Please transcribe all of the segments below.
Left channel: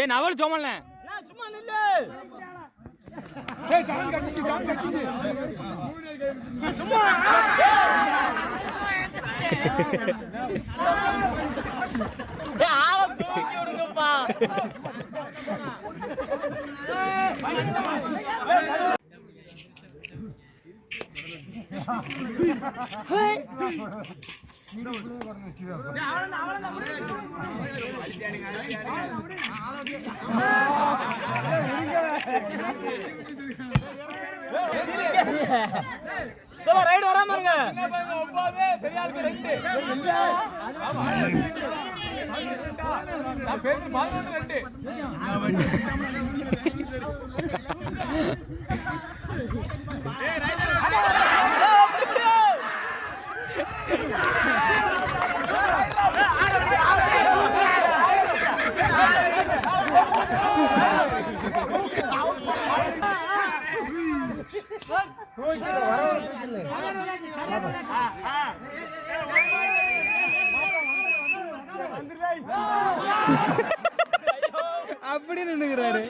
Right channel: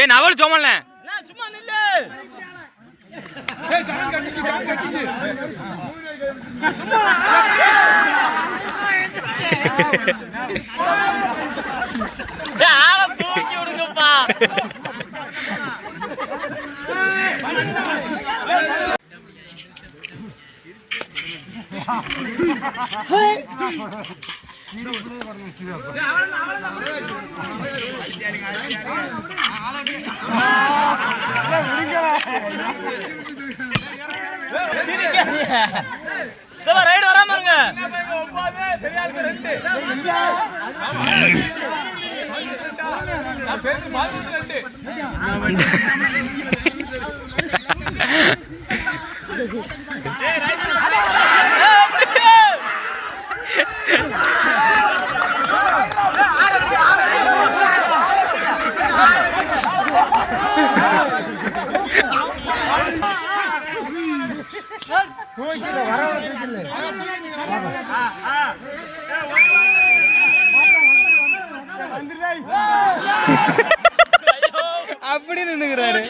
ஏன் அவள் சோமல்ல சும்மா நில்லு. சும்மா தூக்கி விடுங்கப்பா. ரைடு வராம இருங்க. அப்படி நின்னுக்கிறாரு.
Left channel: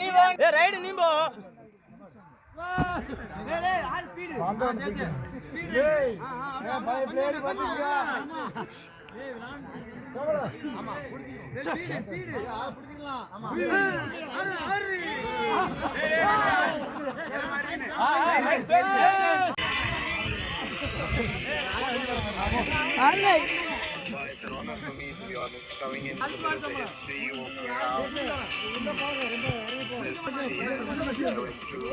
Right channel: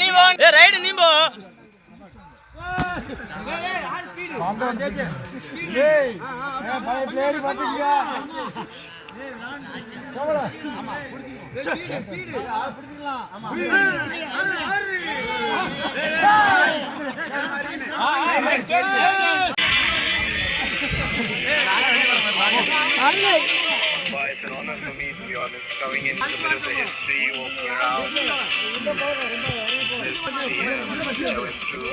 நீ போ. ரைடு நீ போ. It's an honor for me, to be honest, coming into a bit of the history, walking around this year, going through.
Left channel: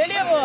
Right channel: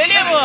வெளியே போ.